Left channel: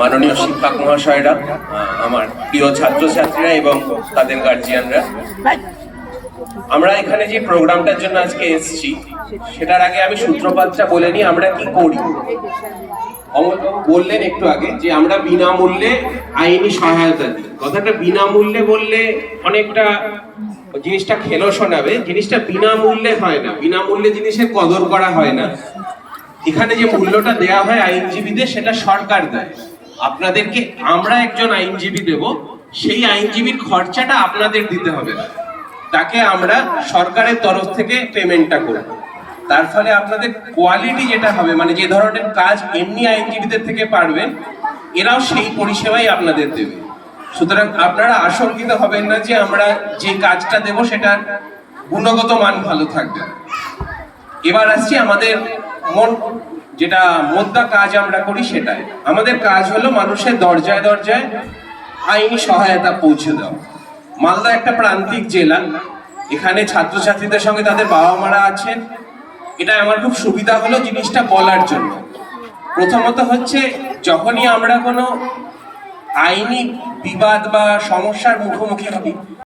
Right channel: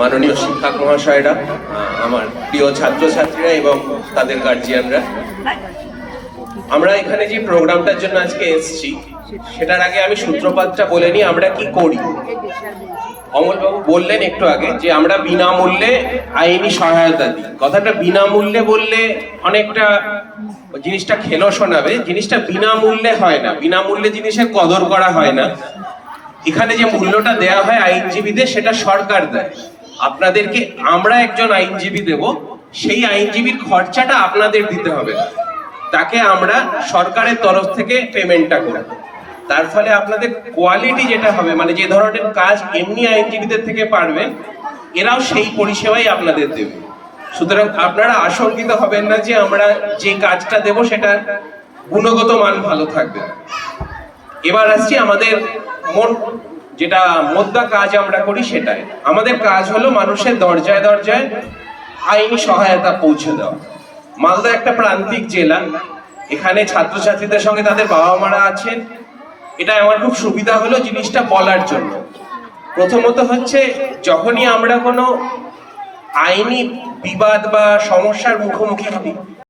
মাননীয় শিক্ষক মহাশয়রা, আমার প্রিয় ছাত্রছাত্রীরা এবং তাদের গার্জিয়ানরা, আমরা এখানে যে প্রোগ্রামটার জন্য আজকে এসেছি সেটার আগে আমি সূত্রপাতটা বলে নিই আমরা কি করি। অমলবাবু বললেন একটু আগে যে আমরা বিনামূল্যে আইনি সহায়তা দিই। কথাটা বিনামূল্যে বললে অনেকটা জিনিসটা খেলো শোনাবে, জিনিসটা বিনামূল্যে হয় না, বিনামূল্যে জিনিসের কদর করা হয় না। এখানে যে মূল্যটা দেয়া হয় আইনজীবীদের সেটা সরকার দেয়, আপনাদেরকে আমরা একজন আইনজীবী দেব, সেই আইনজীবীর খরচাটা আপনাদের দিতে হবে, তাকে আমরা সরকারের তরফ থেকে পেমেন্টটা করব। তার ফলে আপনাদের কোয়ালিটি যেটা হবে, মানে যে ধরনের কাজ এমনি আইনজীবীদের থেকে পারবেন, এরাও সেই পরিষেবাই আপনাদের দেবে। সুতরাং আপনারা আশঙ্কিত হবেন না যে আমরা যে কাজটা দেব সেটার গুণগত মান ভালো থাকবে। এবার আসছি আমাদের যেটা মোদ্দা কাজ আমরা করি সেটাই। আমাদের কাজ হলো মানুষের দরজায় দরজায় আইনি সহায়তা পৌঁছে দেওয়া। মালদা একটা প্রান্তিক জেলা, এখানে ছাত্রছাত্রীদের সঙ্গে তাদের বাবা মারা আছেন। এটা আমার খুব সুবিধা হলো জিনিসটা বলার জন্য। প্রথমত হচ্ছে, যখনই আমরা কোনো আইনি বিবাদ বা সমস্যার মুখোমুখি হই,